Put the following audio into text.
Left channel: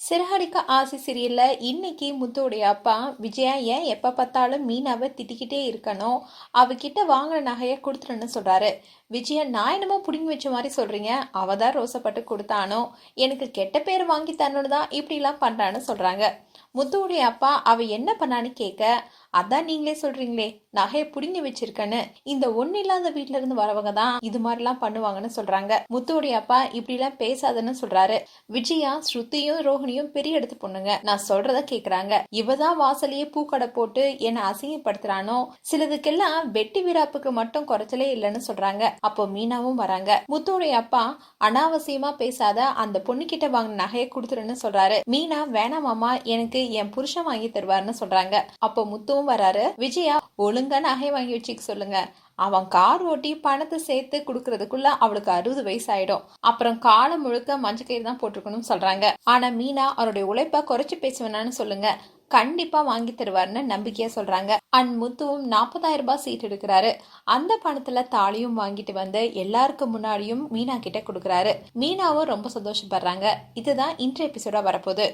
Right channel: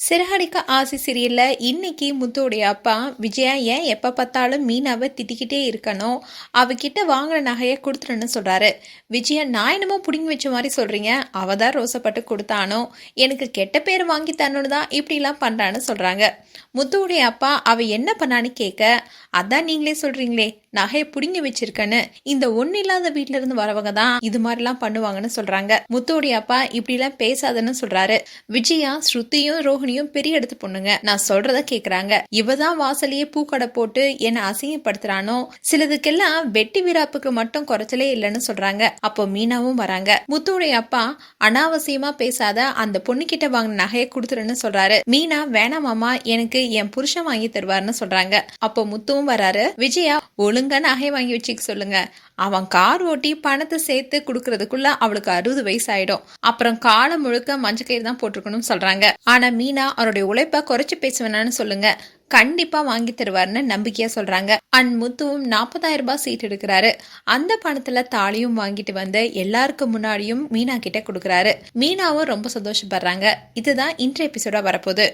சிறகடிக்க ஆசை சீரியல்ல இன்னைக்கு முத்துவுடைய அப்பா விஜயா ஏன் எப்போ பார்த்தாலும் மீனாவை திட்டிக்கிட்டே இருக்கணும்? அவகிட்ட வாங்கின நகையை கொடுத்துருன்னு சொல்கிறாரு விஜயா நான் என்னமோ பிடுங்கி வச்ச மாதிரி சொல்கிறீங்க அவ தான் ரோசப்பட்டு கொடுத்தானோ? எனக்கு கெட்ட பேர் வாங்கி தரணும்னு தான் இப்படிலாம் பண்ணுறான்னு சொல்கிறாங்க முத்துவுடைய அப்பா அவ என்ன பண்ணான்னு கேட்க அதான் நீங்களே சொல்கிறீங்களே நகையை பிடுங்கி வச்சிருக்கேன்னு. இந்த ஒன்றும் இல்லாத வீட்டிலேருந்து இருந்து வரவங்க தான் இது மாதிரிலாம் பண்ணுவாங்கன்னு சொல்கிறாங்க முத்துவுடைய அப்பா இப்படிலாம் பேசாதன்னு சொல்கிறாரு விஜயா ஸ்ருதியும் ரோஹிணியும் பெரிய இடத்து பொண்ணுங்க. நான் சொல்றத கேக்குறாங்க. இவ தான் வாசலையே பூக்கடை போட்டு என்னை அசிங்கப்படுத்துறானோ? சிலதுக்கெல்லாம் வெட்டி விராப்புக்கு மட்டும் குறைச்சலே இல்லைன்னு சொல்றாங்க. அப்போ மீனாவும் வராங்க. முத்துடைய அப்பா அனாவசியமா பேசாத அந்த பொண்ணு கிட்ட வாங்கின நகையை கொடுத்துருன்னு சொல்றாரு. மீனா வேணாமாமா எனக்கு என் புருஷன் வாங்கி தருவாருன்னு சொல்றாங்க. அப்போ முத்துவும் வராரு. விஜயா ஒழுங்கா நகை வாங்கி வச்சுக்க சொல்லுங்க. அவன் கார் ஓட்டி பணத்தை சேர்த்து கொடுக்கறதுக்குள்ள அவளுக்கு அறுபது வயசு ஆயிடும் அப்புறம் காலம் முழுக்க மஞ்சள் கயிறு தான் போட்டிருக்கணும்னு சொல்றாங்க. ஆனா மீனா அவருடைய உழைப்பை குறைச்சு பேசுவேனான்னு சொல்லுங்க. கண்டிப்பா வாங்கி தருவார்னு நம்பிக்கையா சொல்றாங்க. அண்ட் முத்துவும் நாற்பதாயிரம் ரூபாய் சீட் எடுக்கிறாரு. அந்த பணத்துல தாலியும் வாங்கிட்டு வந்து எல்லாருக்கும் முன்னாடியும் மீனா கிட்ட கொடுக்கறாரு. மீனாவும் ரொம்ப சந்தோஷப்படுறாங்க. இதுதான் இன்றைய எபிசோடா வரப்போகுது.